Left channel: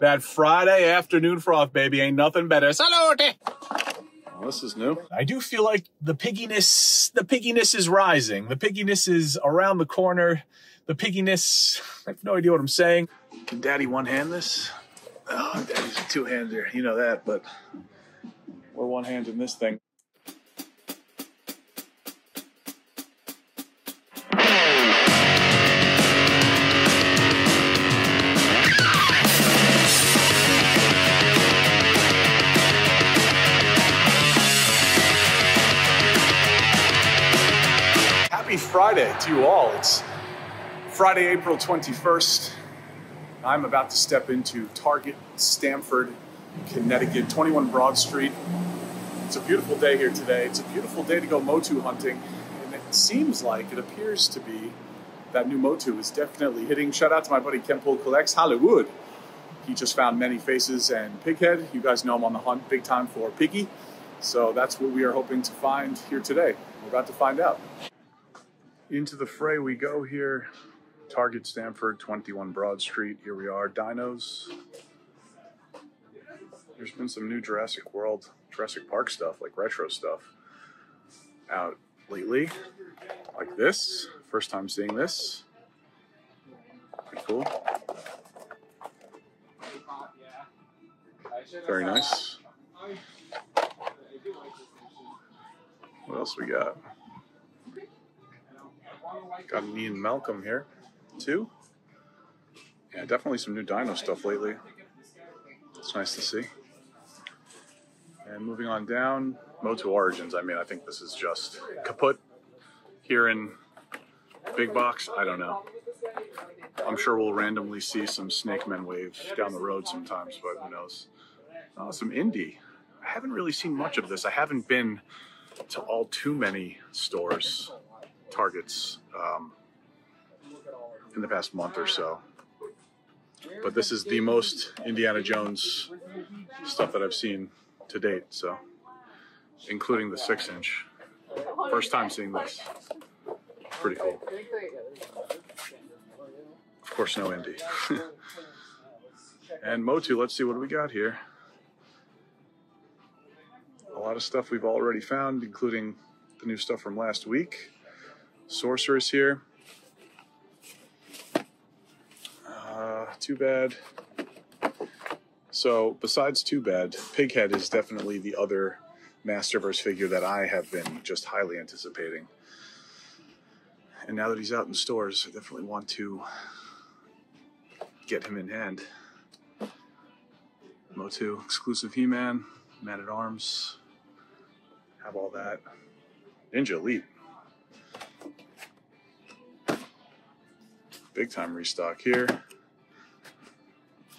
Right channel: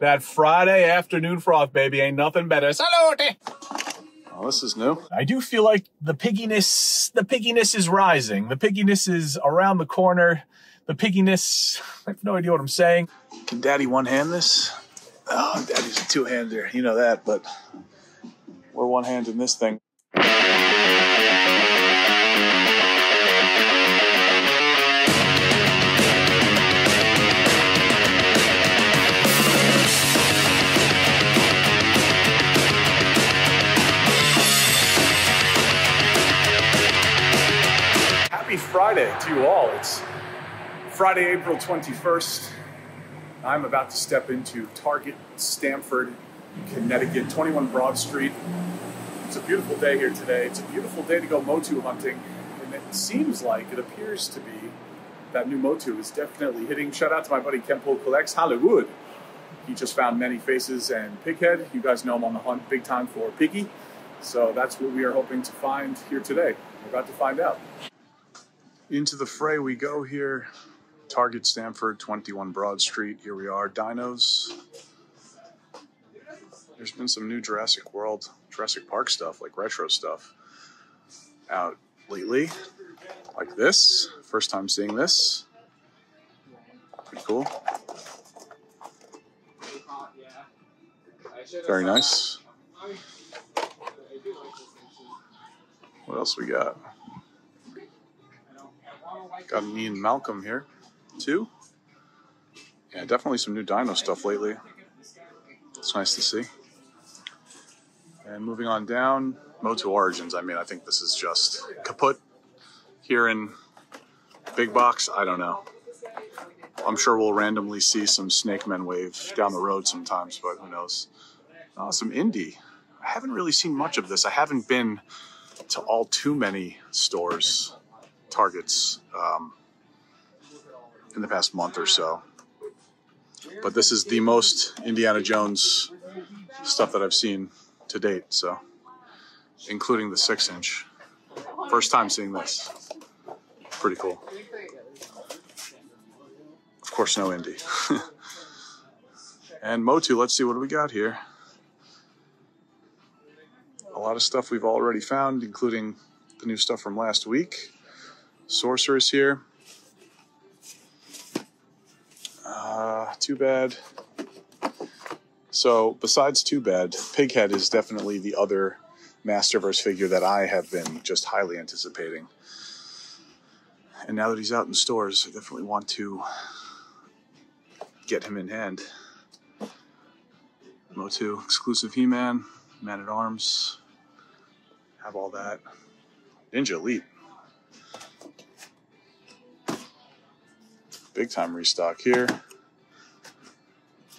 That Friday afternoon froth, baby, ain't nothing better. Salute! Oh, this is new. I do feel like the pigginess is rising. The pigginess is around the corner. The pigginess, I have no idea what I'm saying. Can Daddy one-hand this? Oh, Daddy's a two-hander. You know that, but we're one-handing this thing. Happy Friday to you all. It's Friday, April 21st. I'm about to step into Target, Stamford, Connecticut, 21 Broad Street. It's a beautiful day here today. It's a beautiful day to go MOTU hunting. And it seems like, it appears to be, that new MOTU is definitely hitting. Shout out to my buddy Ken Poole Collects, Hollywood. He just found many faces and pighead. You guys know him on the hunt big time for piggy. So that's what we are hoping to find here today. We're about to find out. Into the fray we go here. Target, Stamford, 21 Broad Street. Here we are, dinos. There's been some new Jurassic Park stuff, like retro stuff, out lately. Like this. First time seeing this. Pretty cool. Very nice. What else we got? Got an Ian Malcolm here, too. Yeah, definitely some new dino stuff lately. It's nice to see. And moving on down, MOTU Origins. I mean, I think this is just kaput here in big box. I don't know. I'm sure we'll randomly see some Snake Men wave down the road sometimes, but who knows. Oh, some indie. I haven't really seen much of this. I haven't been to all too many stores, Targets, in the past month or so. But this is the most Indiana Jones stuff that I've seen to date, so including the 6-inch. First time seeing this. Pretty cool. Of course, no indie. And MOTU, let's see what do we got here. A lot of stuff we've already found, including the new stuff from last week. Sorceress here. Too Bad. So besides Too Bad, Pighead is definitely the other Masterverse figure that I have been just highly anticipating. And now that he's out in stores, I definitely want to get him in hand. MOTU exclusive He-Man, Man-at-Arms, have all that. Ninja Elite. Big time restock here.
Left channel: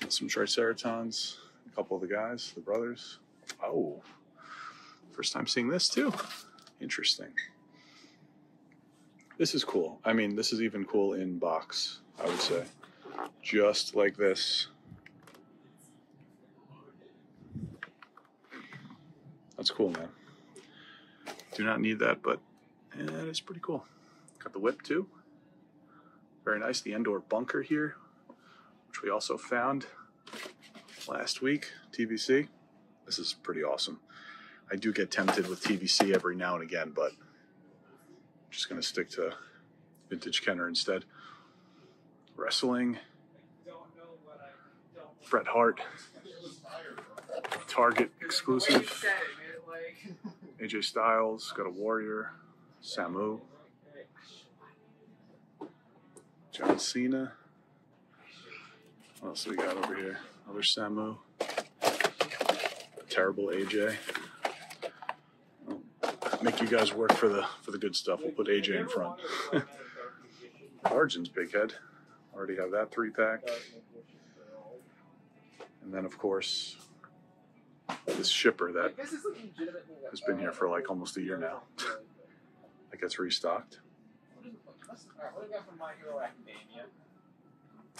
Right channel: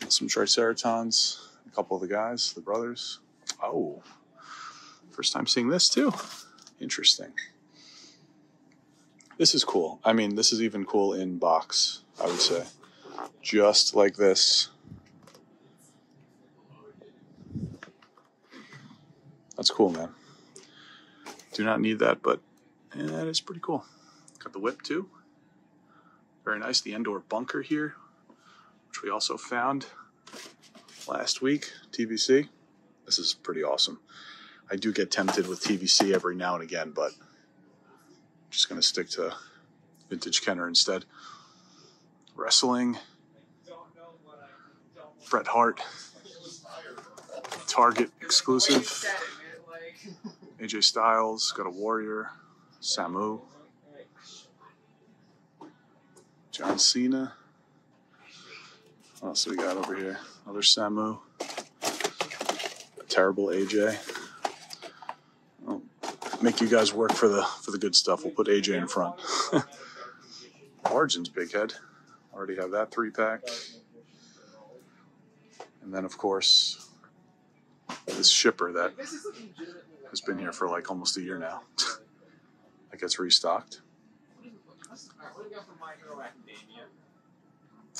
Some Triceratons, a couple of the guys, the brothers. Oh, first time seeing this too. Interesting. This is cool. I mean, this is even cool in box, I would say. Just like this. That's cool, man. Do not need that, but yeah, it's pretty cool. Got the whip too. Very nice. The Endor bunker here, which we also found last week, TVC. This is pretty awesome. I do get tempted with TVC every now and again, but I'm just going to stick to vintage Kenner instead. Wrestling. Bret Hart. Target exclusive. AJ Styles. Got a Warrior. Samu. John Cena. What else we got over here? Another Samu. Terrible AJ. I'll make you guys work for the good stuff. We'll put AJ in front. Origins Big Head. Already have that 3-pack. And then of course this shipper that has been here for like almost a year now. That gets restocked.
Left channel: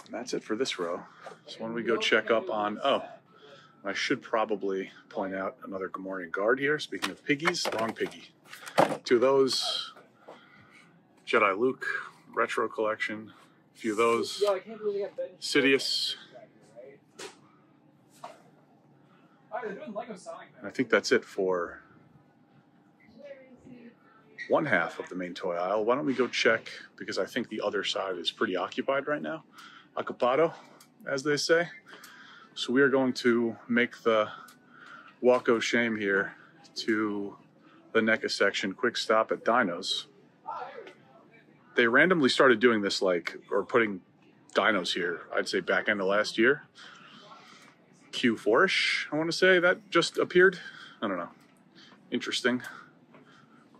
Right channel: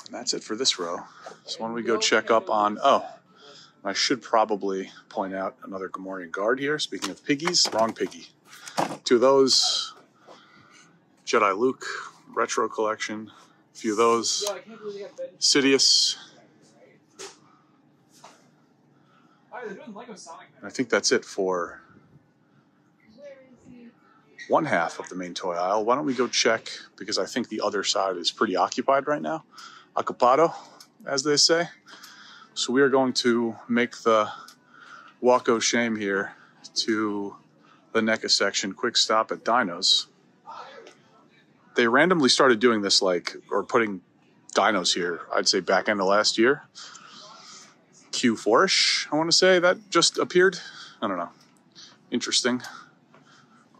And that's it for this row. So when we go check up on, I should probably point out another Gamorrean guard here. Speaking of piggies, wrong piggy. 2 of those. Jedi Luke, retro collection. A few of those. Sidious. I think that's it for one half of the main toy aisle. Why don't we go check, because I think the other side is pretty occupied right now. Ocupado, as they say. So we are going to make the walk o' shame here to the NECA section. Quick stop at Dinos. They randomly started doing this, or putting Dinos here, I'd say back end of last year. Q4-ish, I want to say, that just appeared. I don't know. Interesting.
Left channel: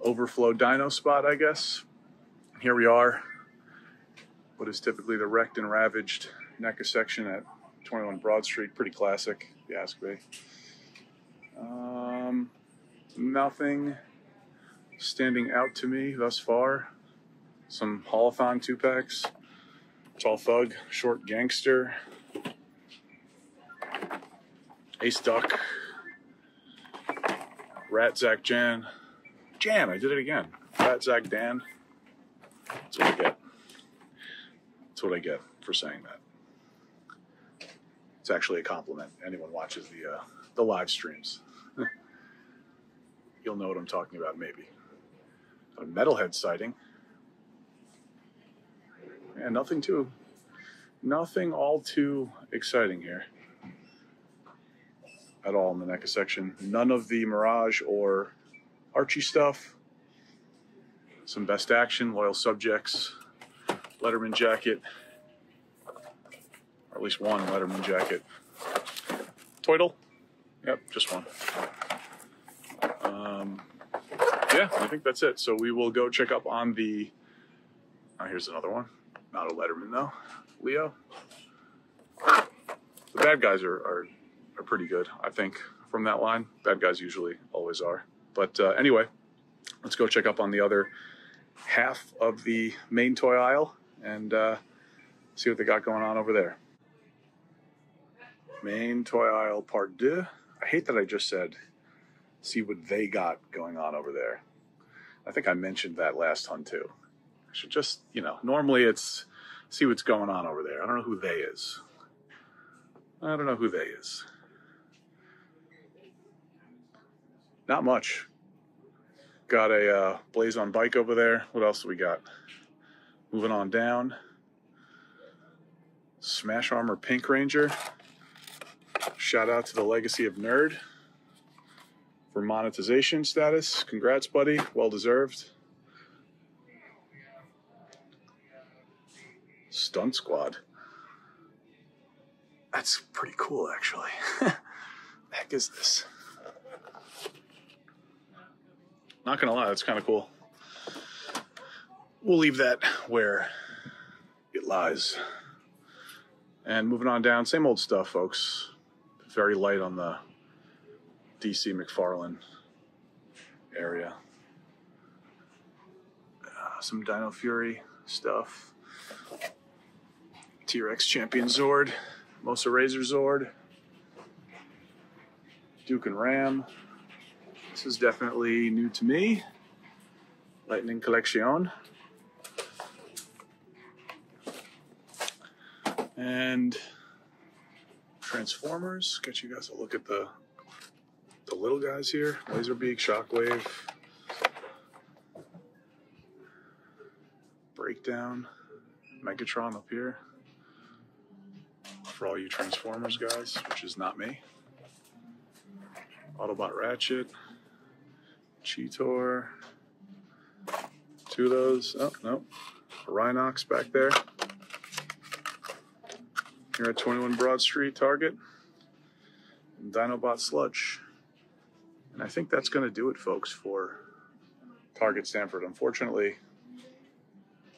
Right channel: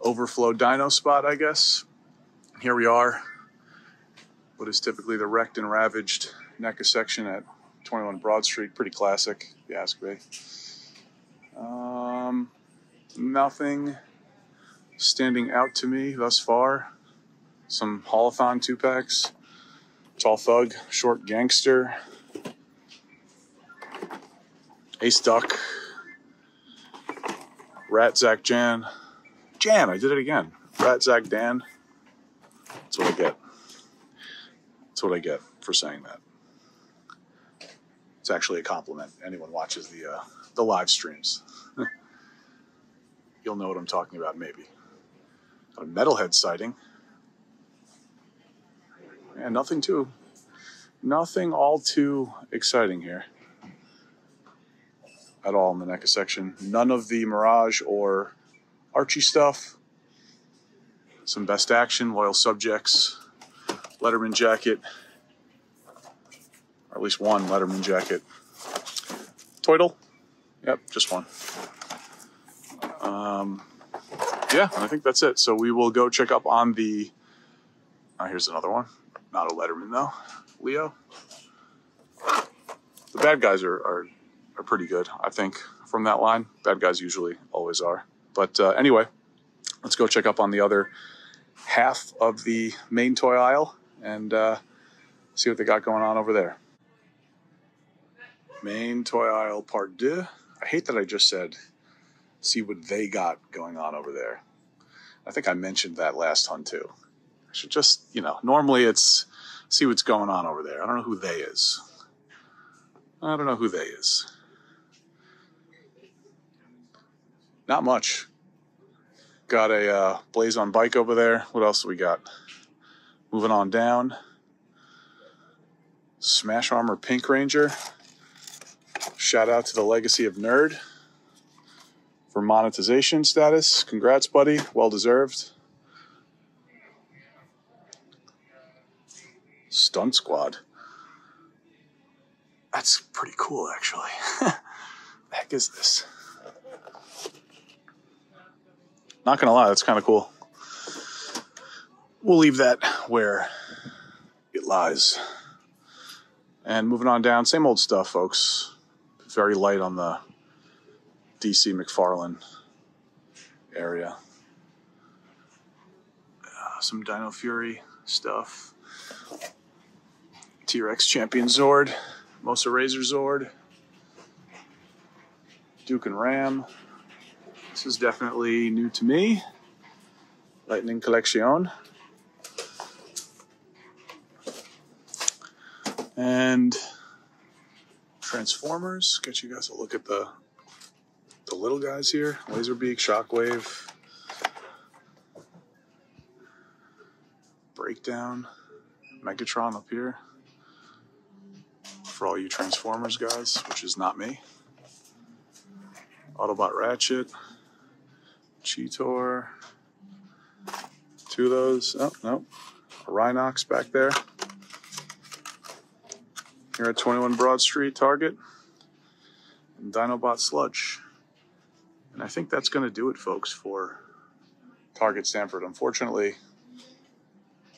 Overflow Dino spot, I guess. Here we are. What is typically the wrecked and ravaged NECA section at 21 Broad Street. Pretty classic, if you ask me. Nothing standing out to me thus far. Some Haulathon 2-packs. Tall Thug, Short Gangster. Ace Duck. Rat Zach Jan. Jan, I did it again. Rat Zach Dan. That's what I get. That's what I get for saying that. It's actually a compliment. Anyone watches the live streams. You'll know what I'm talking about, maybe. A Metalhead sighting. And nothing all too exciting here at all in the NECA section. None of the Mirage or Archie stuff. Some Best Action, Loyal Subjects, Letterman jacket, or at least one Letterman jacket. Toidle? Yep, just one. Yeah, I think that's it. So we will go check up on the... here's another one. Not a Letterman, though. Leo. The bad guys are pretty good, I think, from that line. Bad guys usually always are. But anyway, let's go check up on the other half of the main toy aisle and see what they got going on over there. Main toy aisle part 2. I hate that I just said, see what they got going on over there. I think I mentioned that last hunt too. I should just, normally it's see what's going on over there. I don't know who they is. Not much. Got a Blaze on bike over there. What else do we got? Moving on down. Smash Armor Pink Ranger. Shout out to the Legacy of Nerd for monetization status. Congrats, buddy. Well deserved. Stunt Squad. That's pretty cool, actually. The heck is this? Not gonna lie, that's kind of cool. We'll leave that where it lies. And moving on down, same old stuff, folks. Very light on the DC McFarlane area. Some Dino Fury stuff. T-Rex Champion Zord. Mosa Razor Zord. Duke and Ram. This is definitely new to me. Lightning Collection. And Transformers. Get you guys a look at the little guys here. Laserbeak, Shockwave. Breakdown. Megatron up here. For all you Transformers guys, which is not me. Autobot Ratchet. Cheetor. 2 of those. Oh, no. Rhinox back there. Here at 21 Broad Street, Target. And Dinobot Sludge. And I think that's going to do it, folks, for Target Stamford. Unfortunately,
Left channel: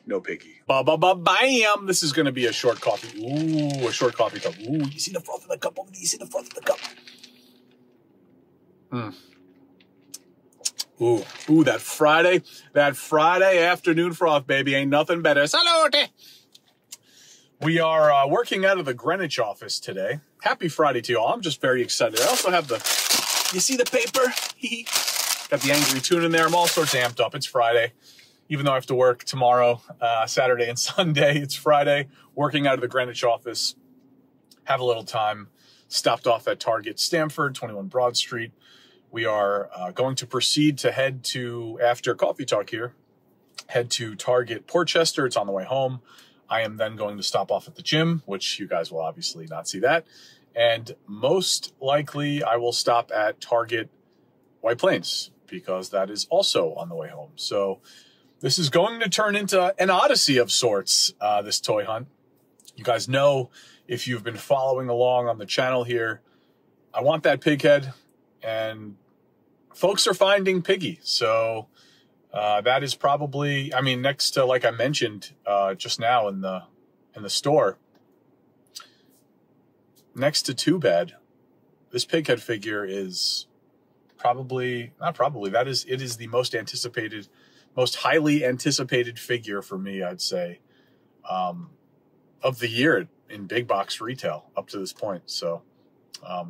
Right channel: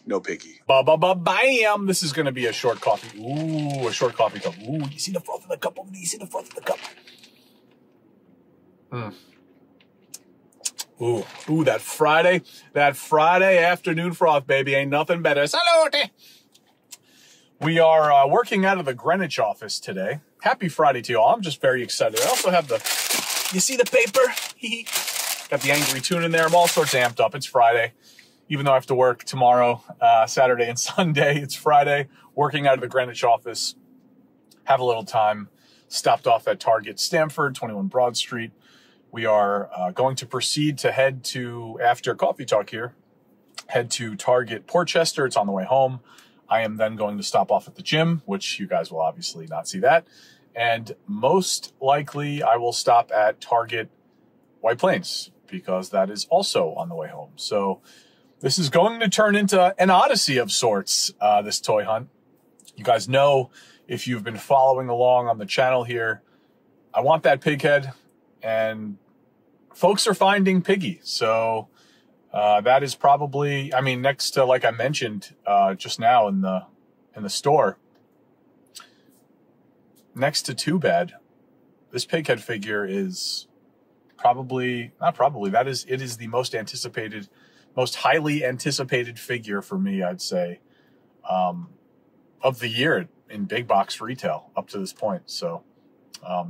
no piggy. Bam! This is going to be a short coffee. Ooh, a short coffee cup. Ooh, you see the froth in the cup over there? You see the froth in the cup? Ooh, that Friday afternoon froth, baby. Ain't nothing better. Salute! We are working out of the Greenwich office today. Happy Friday to you all. I'm just very excited. I also have you see the paper? Got the Angry Tune in there. I'm all sorts amped up. It's Friday. Even though I have to work tomorrow, Saturday and Sunday, it's Friday. Working out of the Greenwich office. Have a little time. stopped off at Target Stamford, 21 Broad Street. We are going to proceed to head to, after Coffee Talk here, head to Target Portchester. It's on the way home. I am then going to stop off at the gym, which you guys will obviously not see that. And most likely I will stop at Target White Plains because that is also on the way home. So this is going to turn into an odyssey of sorts, this toy hunt. You guys know, if you've been following along on the channel here, I want that pig head, and folks are finding Piggy. So that is probably, I mean, next to, like I mentioned just now in the store, next to Too Bad, this pig head figure is it is the most anticipated, most highly anticipated figure for me, I'd say, of the year in big box retail up to this point. So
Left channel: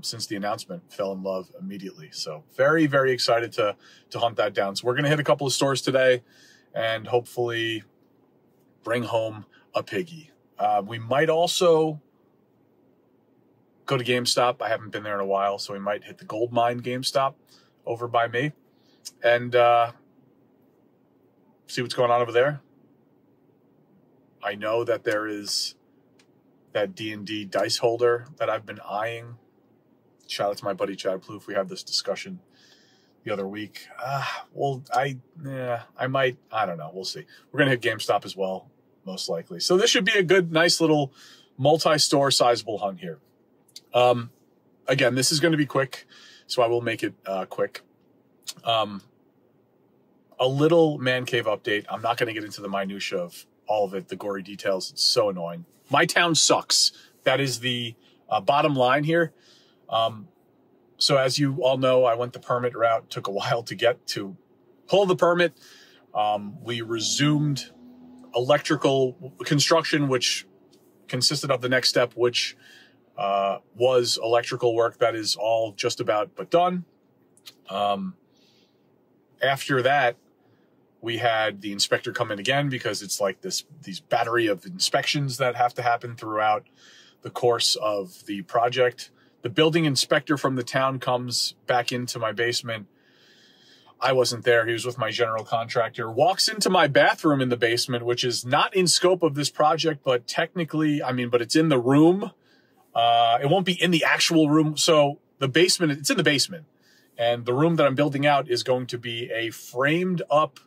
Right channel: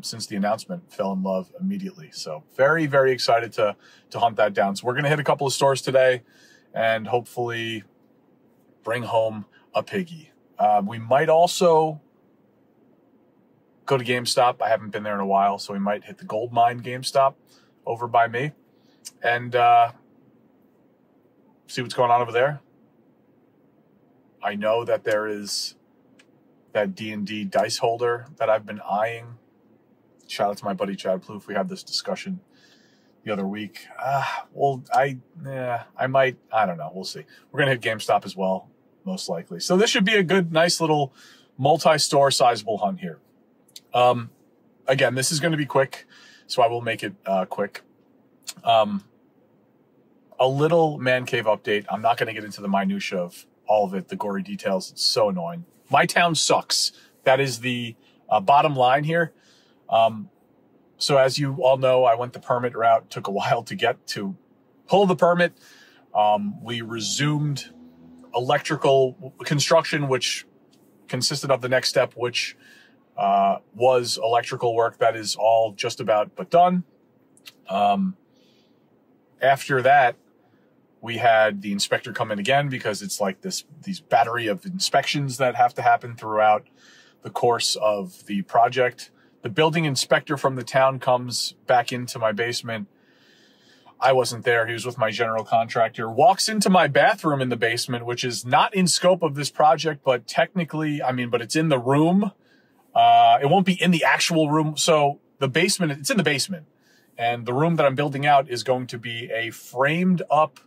since the announcement, fell in love immediately. So very, very excited to hunt that down. So we're going to hit a couple of stores today and hopefully bring home a Piggy. We might also go to GameStop. I haven't been there in a while, so we might hit the Gold Mine GameStop over by me and see what's going on over there. I know that there is that D&D dice holder that I've been eyeing. Shout out to my buddy Chad Plouffe. We had this discussion the other week. Well, I don't know. We'll see. We're going to hit GameStop as well, most likely. So this should be a good, nice little multi-store sizable hunt here. Again, this is going to be quick, so I will make it quick. A little man cave update. I'm not going to get into the minutia of all of it, the gory details. It's so annoying. My town sucks. That is the bottom line here. So as you all know, I went the permit route. Took a while to pull the permit. We resumed electrical construction, which consisted of the next step, which was electrical work. That is all just about but done. After that, we had the inspector come in again because it's like these battery of inspections that have to happen throughout the course of the project. The building inspector from the town comes back into my basement. I wasn't there. He was with my general contractor. Walks into my bathroom in the basement, which is not in scope of this project, but technically, but it's in the room. It won't be in the actual room. So the basement, it's in the basement. And the room that I'm building out is going to be a framed up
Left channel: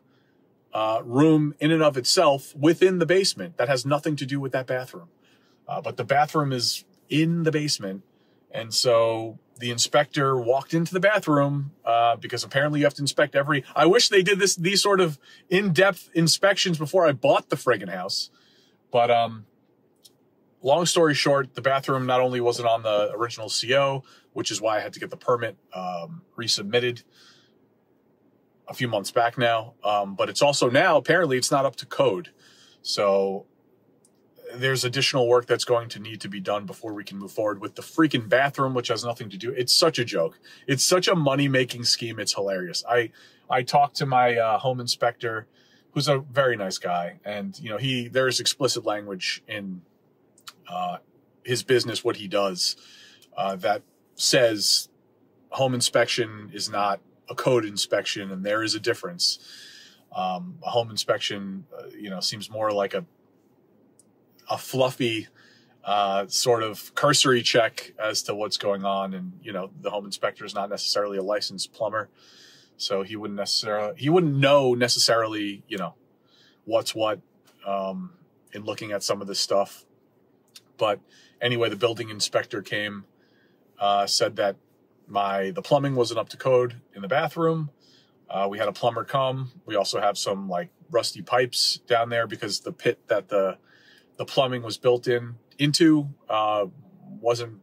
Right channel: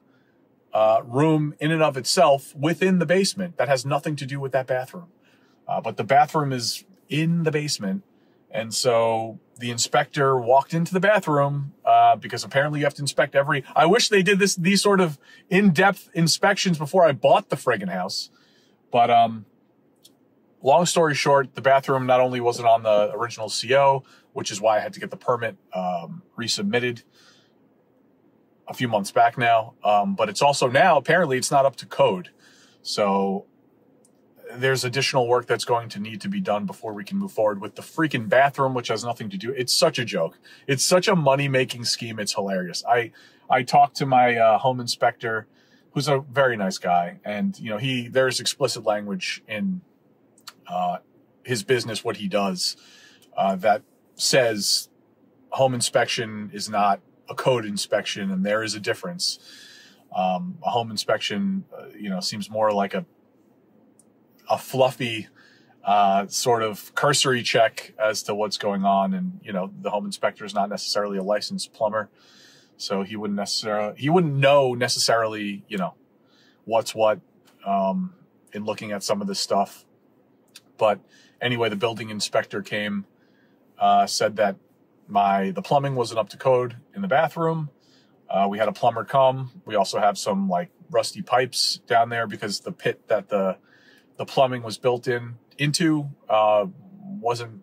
room in and of itself within the basement. That has nothing to do with that bathroom. But the bathroom is in the basement. And so the inspector walked into the bathroom because apparently you have to inspect I wish they did these sort of in-depth inspections before I bought the friggin' house. But long story short, the bathroom not only wasn't on the original CO, which is why I had to get the permit resubmitted a few months back now, but it's also now, apparently it's not up to code. So there's additional work that's going to need to be done before we can move forward with the freaking bathroom, which has nothing to do. It's such a joke. It's such a money-making scheme. It's hilarious. I talked to my home inspector, who's a very nice guy. And, there's explicit language in his business, what he does, that says home inspection is not a code inspection, and there is a difference. A home inspection, seems more like a fluffy sort of cursory check as to what's going on. And, the home inspector is not necessarily a licensed plumber, so he wouldn't know necessarily, what's what in looking at some of this stuff. But anyway, the building inspector came, said that the plumbing wasn't up to code in the bathroom. We had a plumber come. We also have some rusty pipes down there because the pit that the plumbing was built into wasn't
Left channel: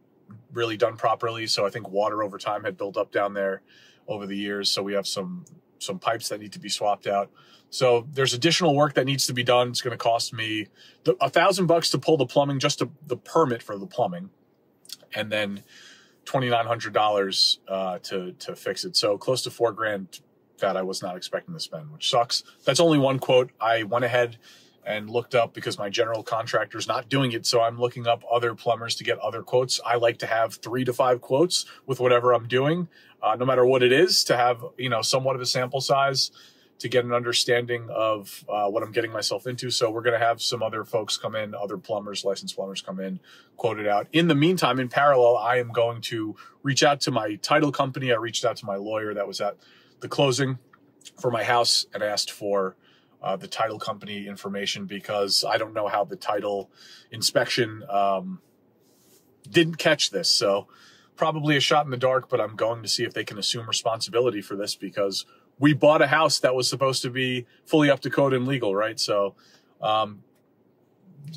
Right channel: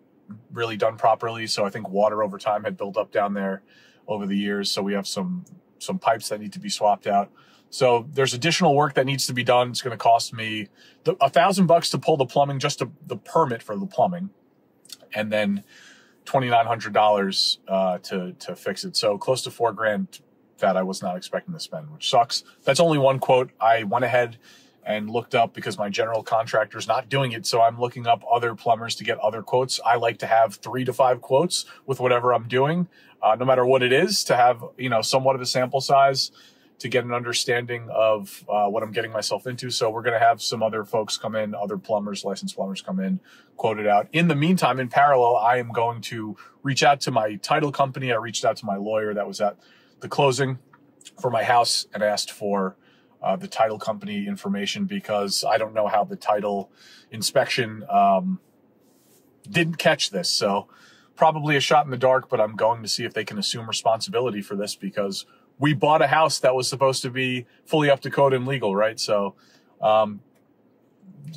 really done properly. So I think water over time had built up down there over the years. So we have some pipes that need to be swapped out. So there's additional work that needs to be done. It's going to cost me $1,000 to pull the plumbing, just the permit for the plumbing, and then $2,900 to fix it. So close to $4,000 that I was not expecting to spend, which sucks. That's only one quote. I went ahead and looked up, because my general contractor's not doing it, so I'm looking up other plumbers to get other quotes. I like to have 3 to 5 quotes with whatever I'm doing, no matter what it is, to have, you know, somewhat of a sample size to get an understanding of what I'm getting myself into. So we're going to have some other folks come in, other plumbers, licensed plumbers come in, quote it out. In the meantime, in parallel, I am going to reach out to my title company. I reached out to my lawyer that was at the closing for my house and asked for the title company information, because I don't know how the title inspection didn't catch this. So probably a shot in the dark, but I'm going to see if they can assume responsibility for this, because we bought a house that was supposed to be fully up to code and legal, right? So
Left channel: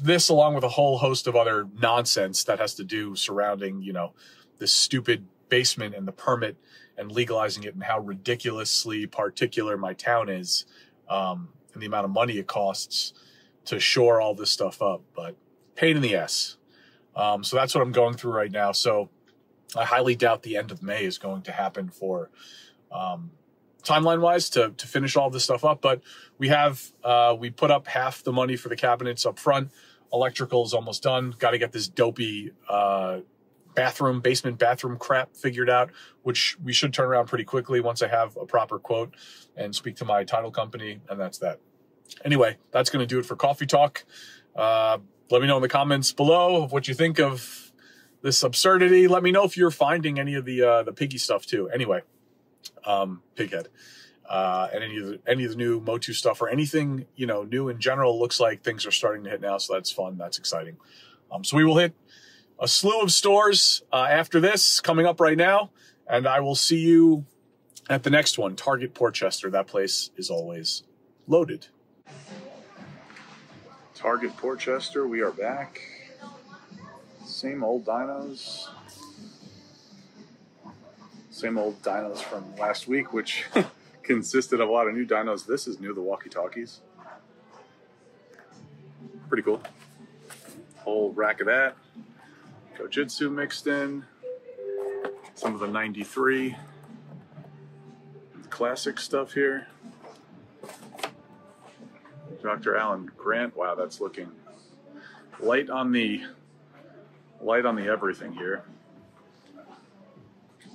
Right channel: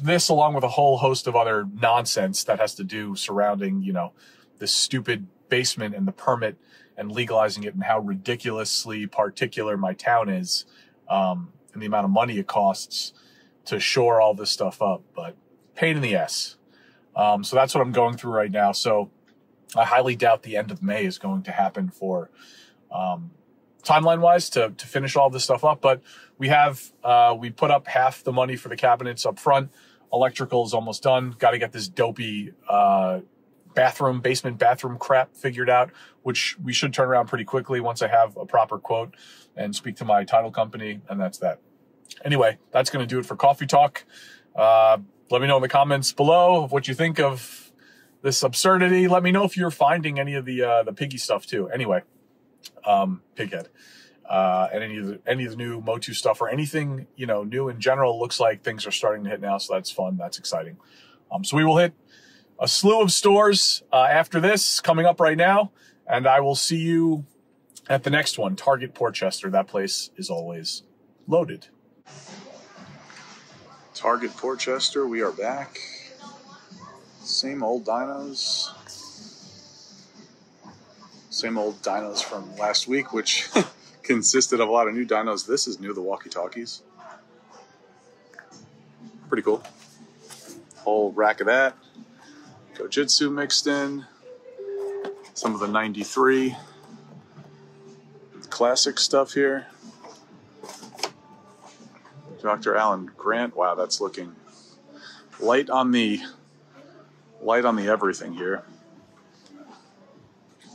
this, along with a whole host of other nonsense that has to do surrounding, you know, this stupid basement and the permit and legalizing it, and how ridiculously particular my town is, and the amount of money it costs to shore all this stuff up, but pain in the ass. So that's what I'm going through right now. So I highly doubt the end of May is going to happen for timeline-wise to finish all this stuff up. But we put up half the money for the cabinets up front. Electrical is almost done. Got to get this dopey basement bathroom crap figured out, which we should turn around pretty quickly once I have a proper quote and speak to my title company, and that's that. Anyway, that's going to do it for Coffee Talk. Let me know in the comments below of what you think of this absurdity. Let me know if you're finding any of the piggy stuff too. Anyway, Pighead, and any of the new MOTU stuff, or anything, you know, new in general. Looks like things are starting to hit now, so that's fun. That's exciting. So we will hit a slew of stores after this, coming up right now, and I will see you at the next one, Target Portchester. That place is always loaded. Target Portchester, we are back. Same old dinos. Same old dinos from last week, which consisted of a lot of new dinos. This is new, the walkie-talkies. Pretty cool. Whole rack of that. Gojitsu mixed in. Some of the 93 classic stuff here. Dr. Alan Grant. Wow, that's looking light on the everything here.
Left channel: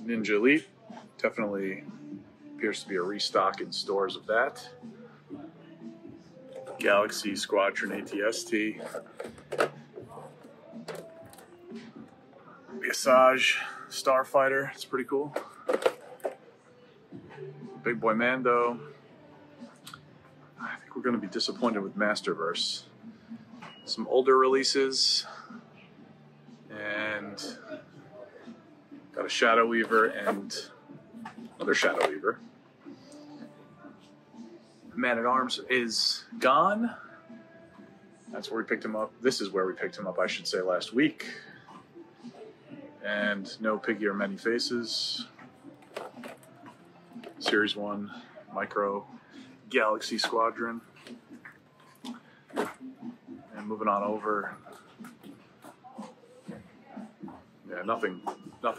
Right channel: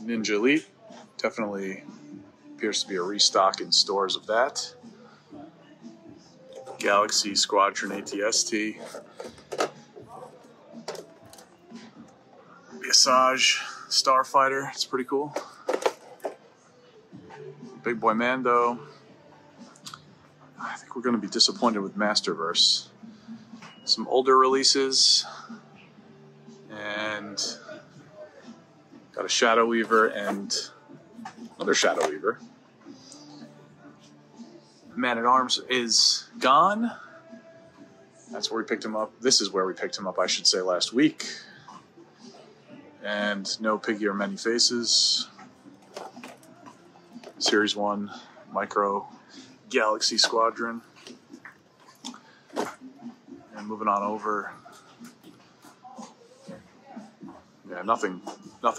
Ninja Elite, definitely appears to be a restock in stores of that. Galaxy Squadron ATST. Visage Starfighter, it's pretty cool. Big Boy Mando. I think we're going to be disappointed with Masterverse. Some older releases. And got a Shadow Weaver and another Shadow Weaver. Man-at-Arms is gone. That's where we picked him up. This is where we picked him up, I should say, last week. And no Piggy or Many Faces. Series 1 Micro Galaxy Squadron. And moving on over. Yeah, nothing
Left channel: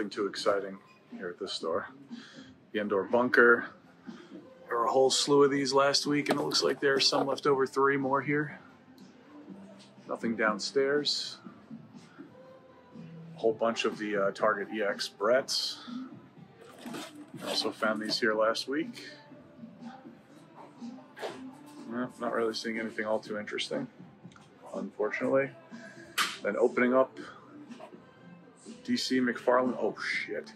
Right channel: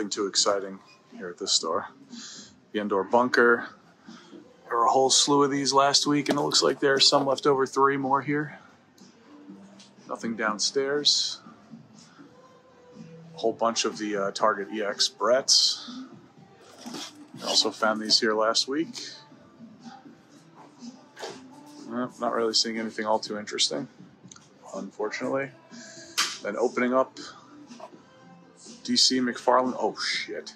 too exciting here at this store. The Endor Bunker. There were a whole slew of these last week, and it looks like there's some left over, 3 more here. Nothing downstairs. A whole bunch of the Target EX Bretts. I also found these here last week. Not really seeing anything all too interesting, unfortunately. Then opening up DC McFarlane. Oh, shit.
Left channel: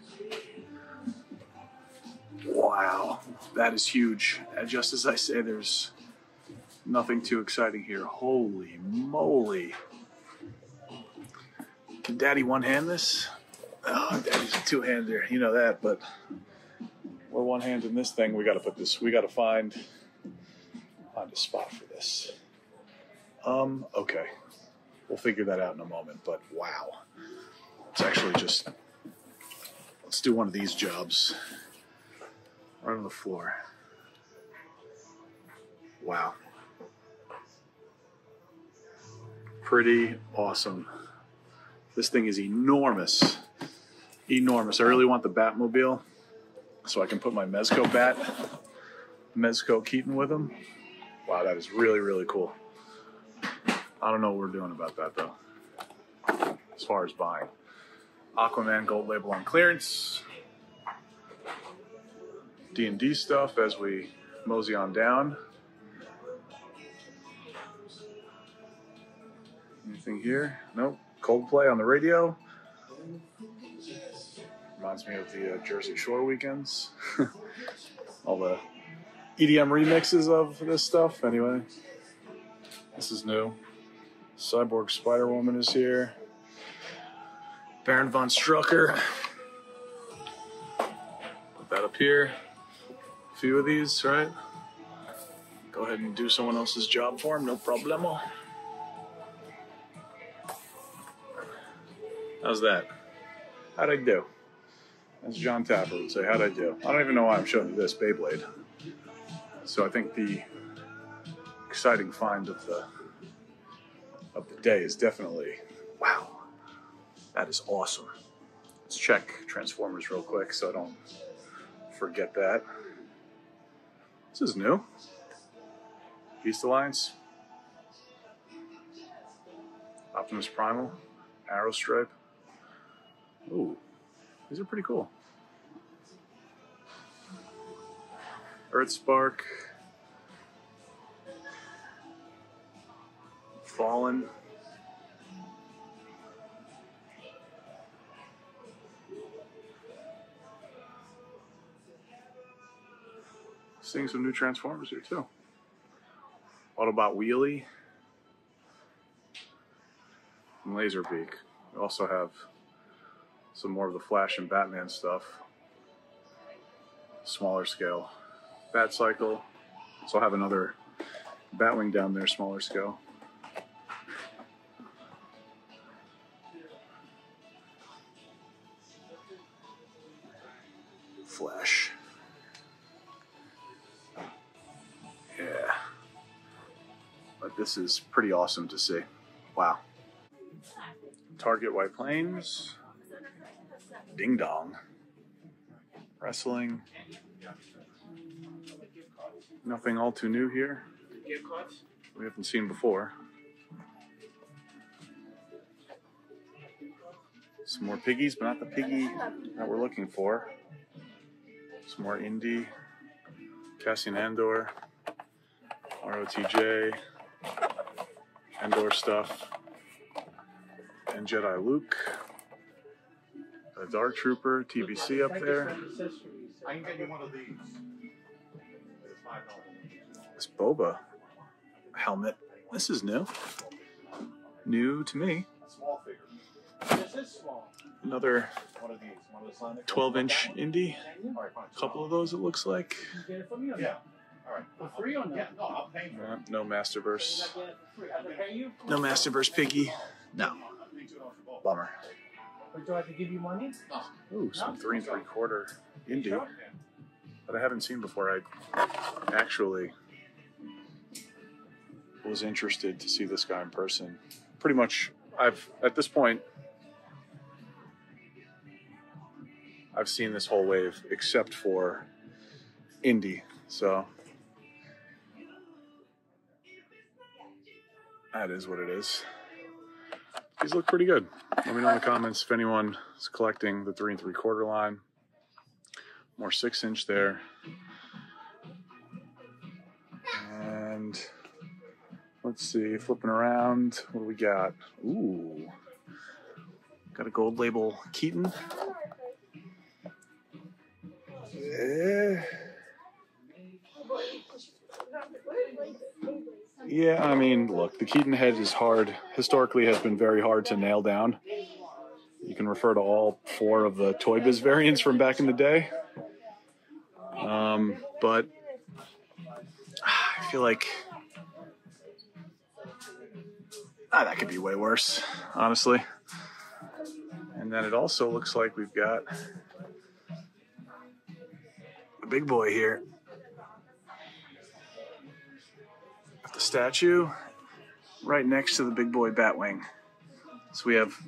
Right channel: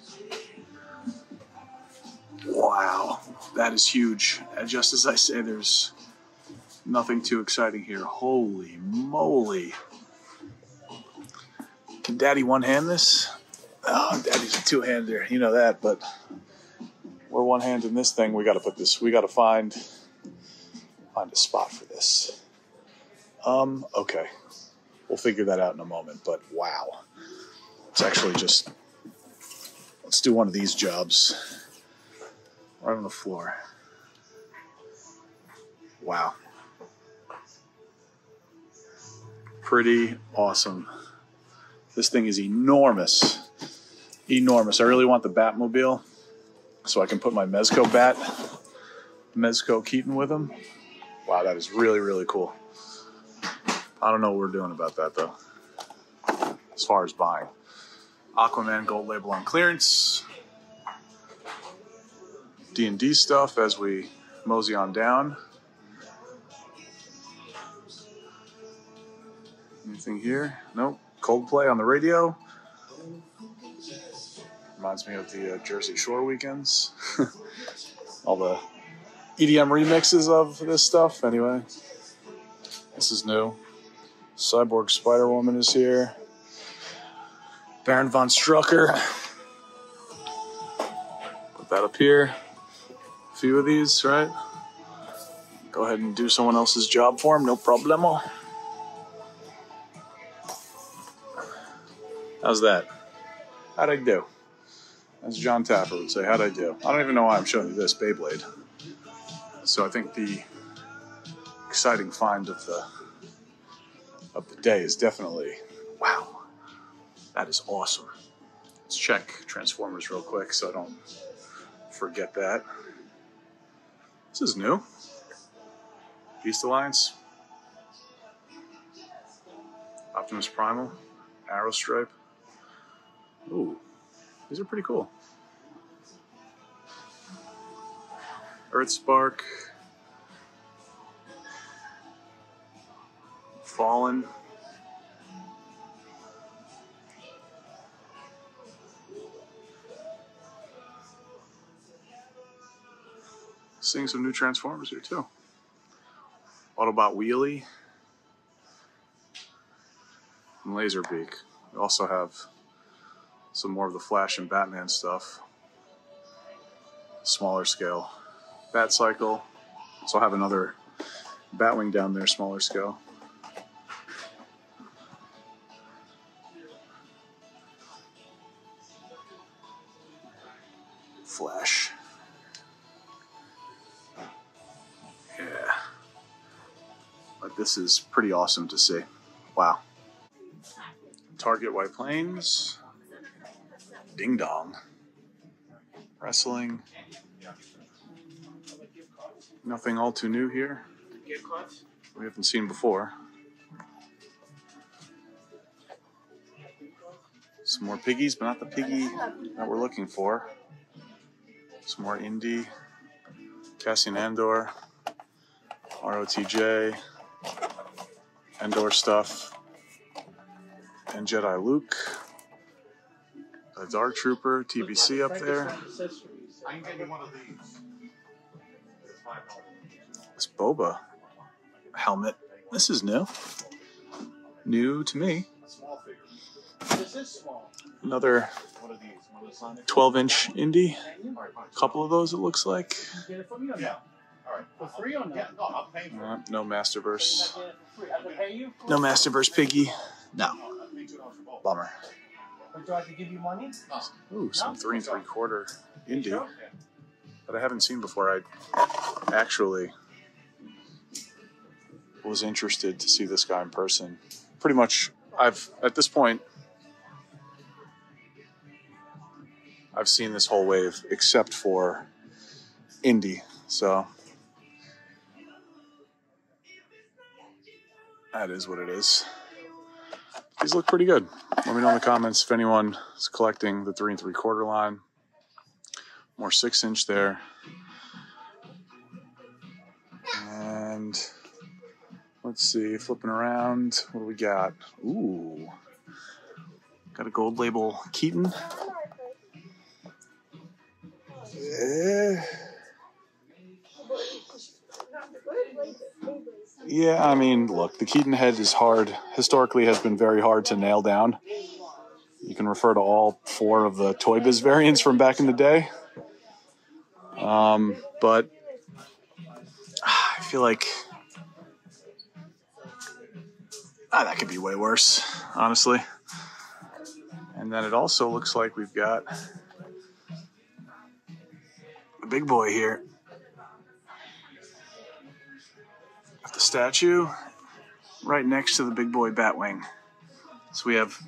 Wow. That is huge. And just as I say, there's nothing too exciting here. Holy moly. Can Daddy one-hand this? Oh, Daddy's a two-hander. You know that, but we're one-handing this thing. We got to find a spot for this. Okay. We'll figure that out in a moment, but wow. It's actually just, let's do one of these jobs right on the floor. Wow. Pretty awesome. This thing is enormous. Enormous. I really want the Batmobile so I can put my Mezco Keaton with him. Wow, that is really, really cool. I don't know what we're doing about that, though, as far as buying. Aquaman gold label on clearance. D&D stuff as we mosey on down. Anything here? Nope. Coldplay on the radio. Reminds me of the Jersey Shore weekends. All the EDM remixes of this stuff. Anyway, this is new. Cyborg Spider-Woman is here. Baron von Strucker. Put that up here. A few of these, right? Go ahead and do someone else's job for him. No problemo. How's that? How'd I do? As John Tapper would say, how'd I do? I don't even know why I'm showing you this Beyblade. So I think the exciting find of the day is definitely, wow, that is awesome. Let's check Transformers real quick so I don't forget that. This is new. Beast Alliance. Optimus Primal. Arrow Stripe. Ooh, these are pretty cool. Earthspark. Fallen. Seeing some new Transformers here too. Autobot Wheelie. And Laserbeak. We also have some more of the Flash and Batman stuff. Smaller scale. Batcycle. Also have another Batwing down there, smaller scale. Flash. Yeah. But this is pretty awesome to see. Wow. Target White Plains. Ding Dong. Wrestling. Nothing all too new here. We haven't seen before. Some more piggies, but not the piggy that we're looking for. Some more indie. Cassian Andor. ROTJ. Andor stuff. And Jedi Luke. A Dark Trooper, TBC up there. I can get you one of these. This Boba helmet. This is new. New to me. Another 12-inch indie. A couple of those, it looks like. No Masterverse. No Masterverse Piggy. No. Bummer. Do I have to give you money? Ooh, some 3 3/4 indie that I haven't seen before. I actually was interested to see this guy in person. Pretty much, at this point, I've seen this whole wave except for indie. So that is what it is. These look pretty good. Let me know in the comments if anyone is collecting the 3 3/4 line. More 6-inch there. And let's see, flipping around, what do we got? Ooh, got a gold label Keaton. Yeah, I mean, look, the Keaton head is hard. Historically has been very hard to nail down. You can refer to all 4 of the Toy Biz variants from back in the day. But I feel like that could be way worse, honestly. And then it also looks like we've got the big boy here. Got the statue right next to the big boy Batwing. So we have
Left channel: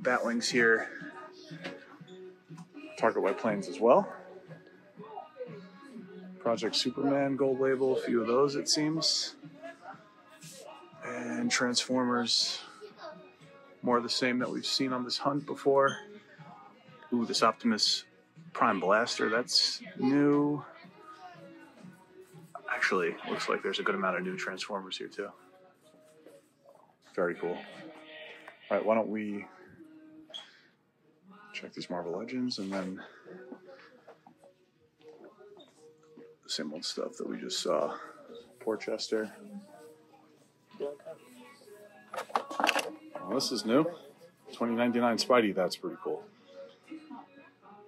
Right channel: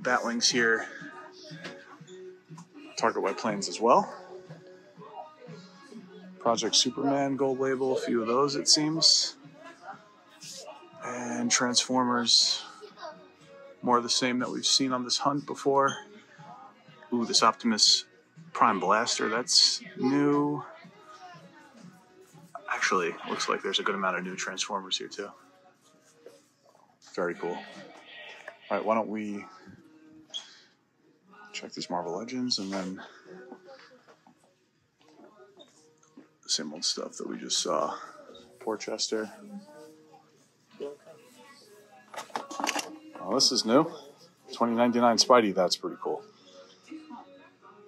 Batwings here. Target White Plains as well. Project Superman gold label, a few of those it seems. And And Transformers. More of the same that we've seen on this hunt before. Ooh, this Optimus Prime Blaster, that's new. Actually, looks like there's a good amount of new Transformers here too. Very cool. All right, why don't we check these Marvel Legends and then the same old stuff that we just saw. Porchester. Oh, this is new. 2099 Spidey, that's pretty cool.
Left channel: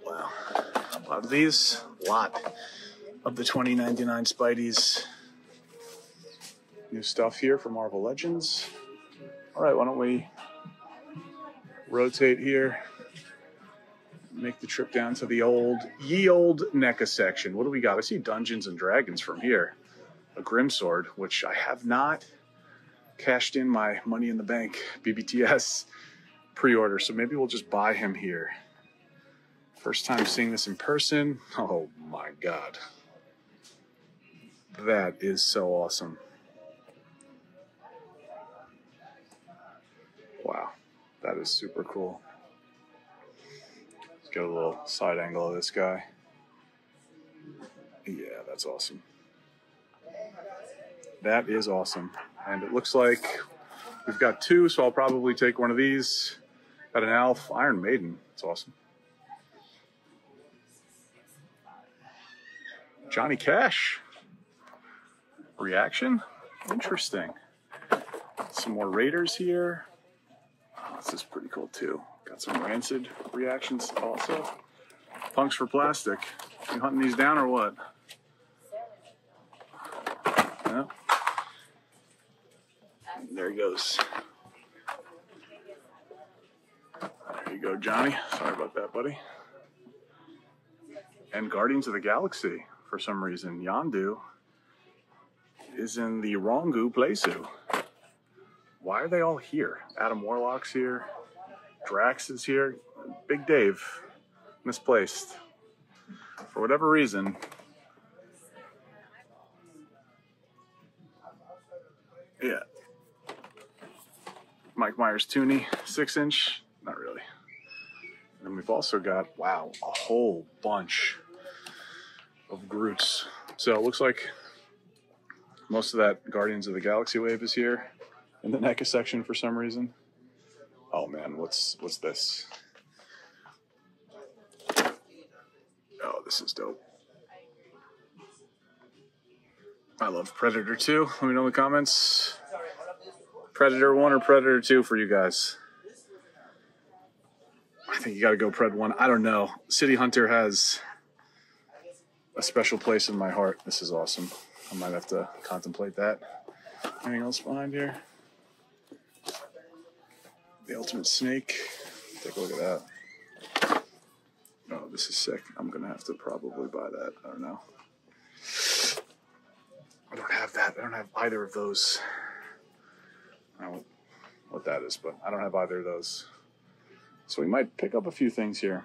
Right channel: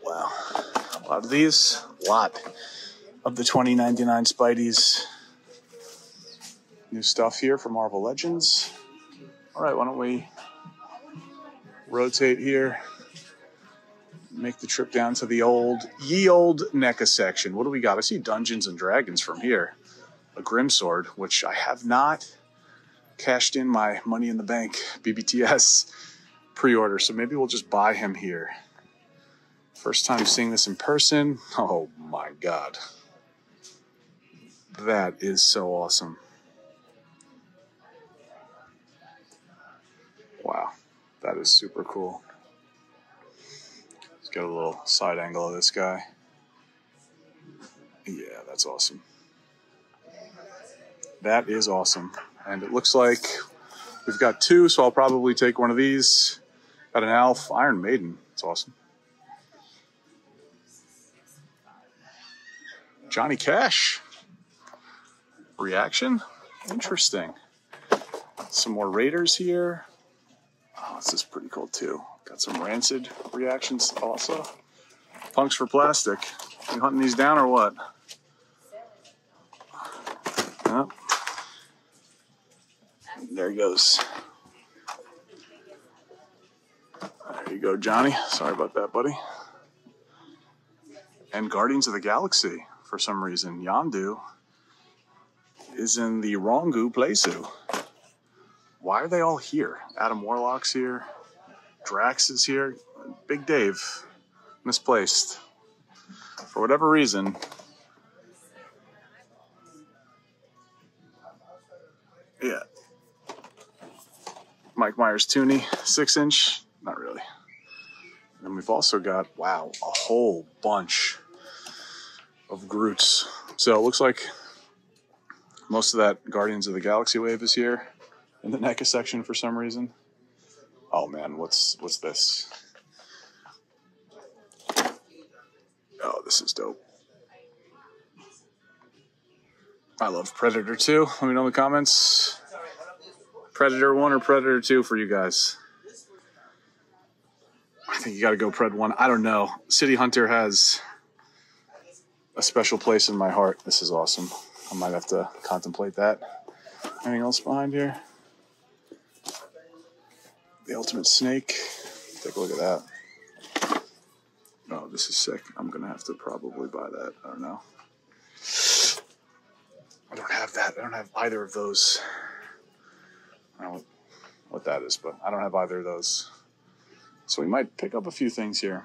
Wow. A lot of these. A lot of the 2099 Spideys. New stuff here for Marvel Legends. All right, why don't we rotate here. Make the trip down to the ye old NECA section. What do we got? I see Dungeons and Dragons from here. A Grimsword, which I have not cashed in my Money in the Bank BBTS pre-order, so maybe we'll just buy him here. First time seeing this in person. Oh my god. That is so awesome. Wow, that is super cool. Let's get a little side angle of this guy. Yeah, that's awesome. That is awesome. And it looks like we've got two, so I'll probably take one of these. Got an Alf Iron Maiden. It's awesome. Johnny Cash. Reaction? Interesting. Some more Raiders here. Oh, this is pretty cool too. Got some Rancid reactions also. Punks for Plastic. You hunting these down or what? Yep. There he goes. There you go, Johnny. Sorry about that, buddy. And Guardians of the Galaxy, for some reason. Yondu is in the Rongu playsuit. Why are they all here? Adam Warlock's here. Drax is here. Big Dave. Misplaced. For whatever reason. Yeah. Mike Myers Tooney, 6-inch. Not really. And then we've also got, wow, a whole bunch of Groots. So it looks like most of that Guardians of the Galaxy wave is here in the NECA section for some reason. Oh man, what's this? Oh, this is dope. I love Predator 2. Let me know in the comments. Predator 1 or Predator 2 for you guys. I think you gotta go Pred 1. I don't know. City Hunter has a special place in my heart. This is awesome. I might have to contemplate that. Anything else behind here? The Ultimate Snake. Take a look at that. Oh, this is sick. I'm gonna have to probably buy that. I don't know. I don't have that. I don't have either of those. I don't know what that is, but I don't have either of those. So we might pick up a few things here.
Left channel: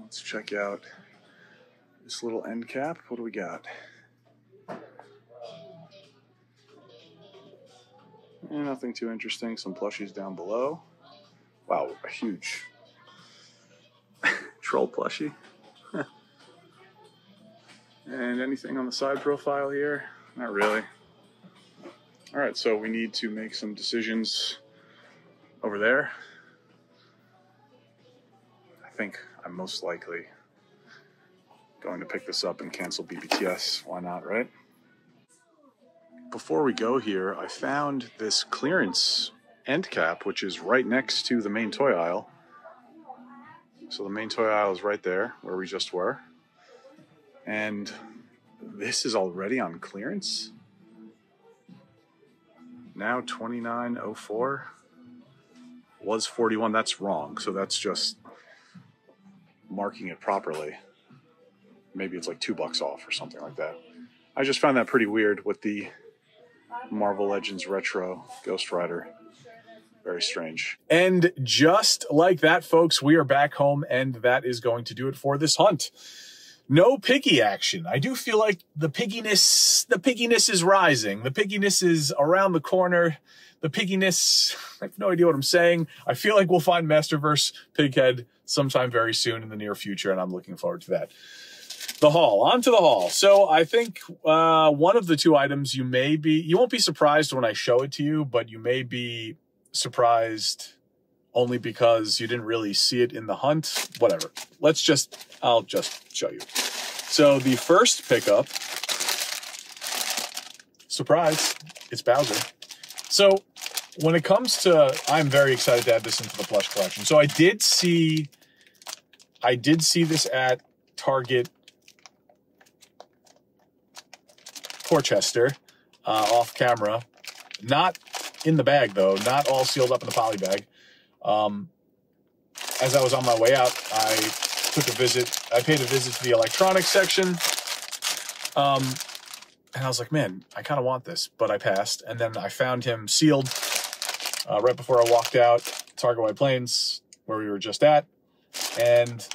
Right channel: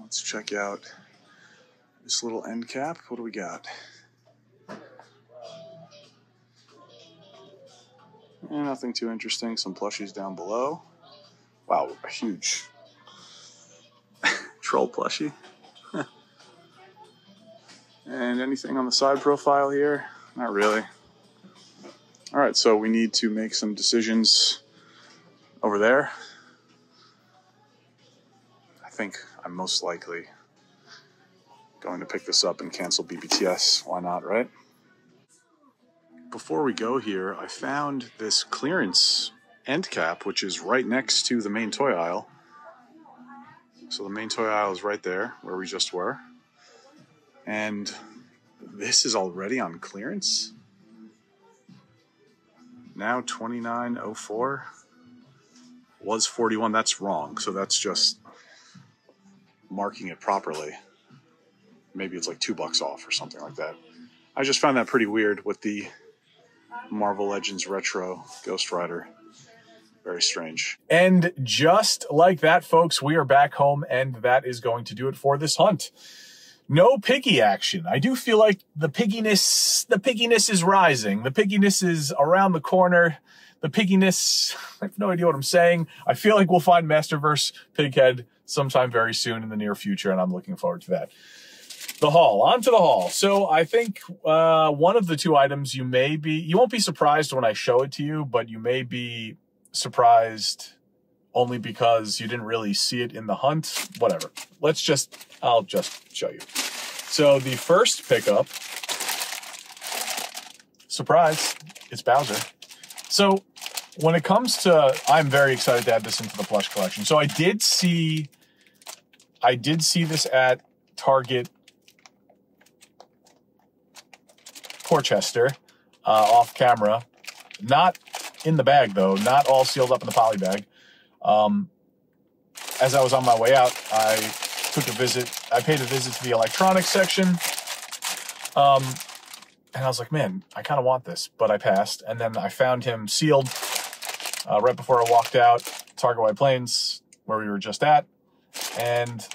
Let's check out this little end cap. What do we got? Nothing too interesting. Some plushies down below. Wow, a huge troll plushie. And anything on the side profile here? Not really. All right, so we need to make some decisions over there. I think I'm most likely going to pick this up and cancel BBTS. Why not, right? Before we go here, I found this clearance end cap, which is right next to the main toy aisle. So the main toy aisle is right there where we just were. And this is already on clearance. Now $29.04. Was $41. That's wrong. So that's just marking it properly. Maybe it's like $2 off or something like that. I just found that pretty weird with the Marvel Legends Retro Ghost Rider. Very strange. And just like that, folks, we are back home, and that is going to do it for this hunt. no piggy action. I do feel like the pigginess is rising. The pigginess is around the corner. The pigginess, I have no idea what I'm saying. I feel like we'll find Masterverse Pighead sometime very soon in the near future, and I'm looking forward to that. The haul, on to the haul. So I think one of the two items you won't be surprised when I show it to you, but you may be surprised only because you didn't really see it in the hunt. Whatever. I'll just show you. So the first pickup, surprise, it's Bowser. So when it comes to, I'm very excited to add this into the plush collection. So I did see this at Target Porchester, off camera, not in the bag though, not all sealed up in the poly bag. As I was on my way out, I paid a visit to the electronics section. And I was like, man, I kind of want this, but I passed. And then I found him sealed right before I walked out, Target White Plains, where we were just at. And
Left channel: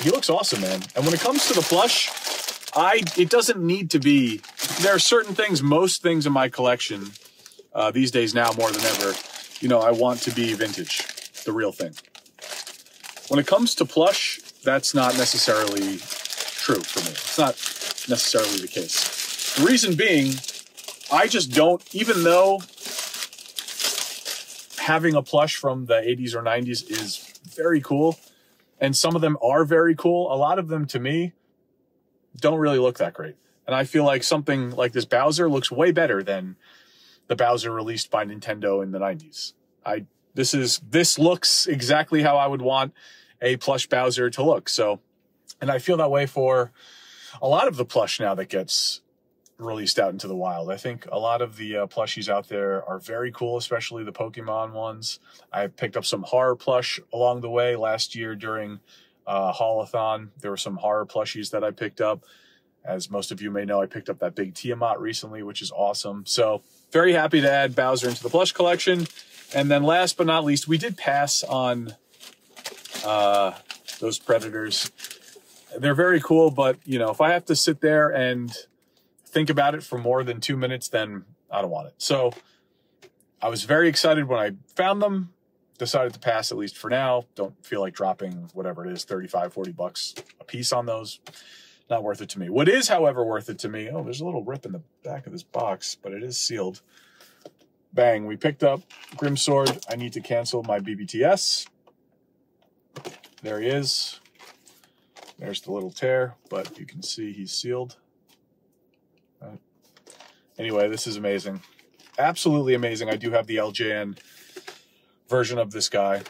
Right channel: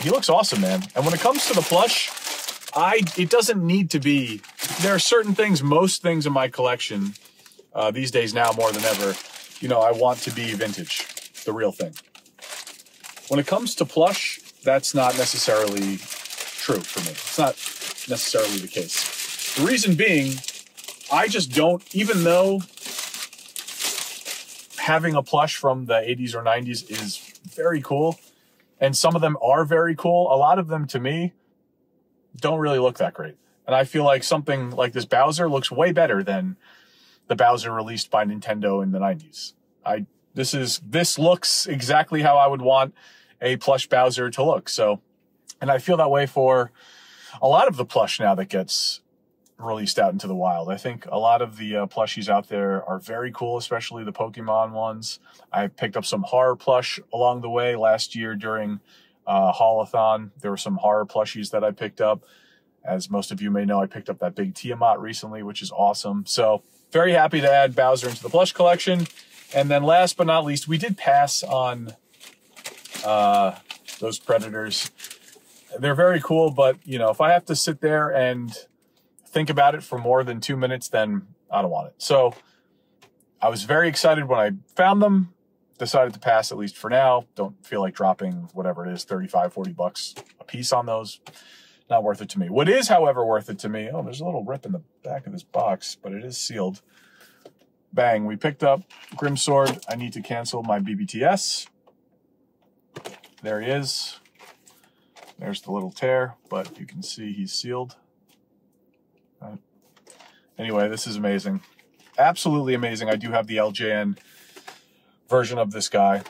he looks awesome, man. And when it comes to the plush, it doesn't need to be, there are certain things, most things in my collection these days now more than ever, I want to be vintage, the real thing. When it comes to plush, that's not necessarily true for me. It's not necessarily the case. The reason being, I just don't, even though having a plush from the 80s or 90s is very cool, and some of them are very cool, a lot of them, to me, don't really look that great. And I feel like something like this Bowser looks way better than the Bowser released by Nintendo in the 90s. This looks exactly how I would want a plush Bowser to look. So, and I feel that way for a lot of the plush now that gets released out into the wild. I think a lot of the plushies out there are very cool, especially the Pokemon ones. I picked up some horror plush along the way last year during Haulathon. There were some horror plushies that I picked up. As most of you may know, I picked up that big Tiamat recently, which is awesome. So very happy to add Bowser into the plush collection. And then last but not least, we did pass on those Predators. They're very cool, but if I have to sit there and think about it for more than 2 minutes, then I don't want it. So I was very excited when I found them, decided to pass at least for now. Don't feel like dropping whatever it is, 35, 40 bucks a piece on those. Not worth it to me. What is, however, worth it to me, oh, there's a little rip in the back of this box, but it is sealed. Bang, we picked up Grimsword. I need to cancel my BBTS. There he is. There's the little tear, but you can see he's sealed. Anyway, this is amazing. Absolutely amazing. I do have the LJN version of this guy.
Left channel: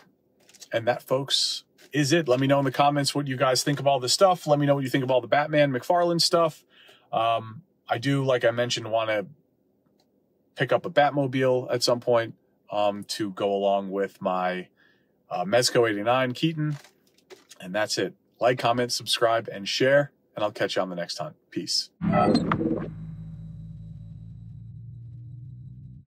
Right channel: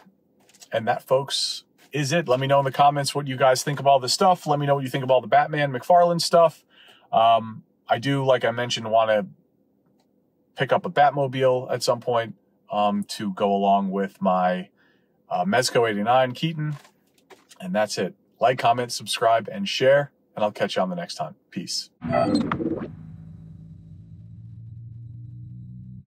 And that, folks, is it. Let me know in the comments what you guys think of all this stuff. Let me know what you think of all the Batman McFarlane stuff. I do, like I mentioned, want to pick up a Batmobile at some point to go along with my Mezco 89 Keaton. And that's it. Like, comment, subscribe, and share. And I'll catch you on the next time. Peace.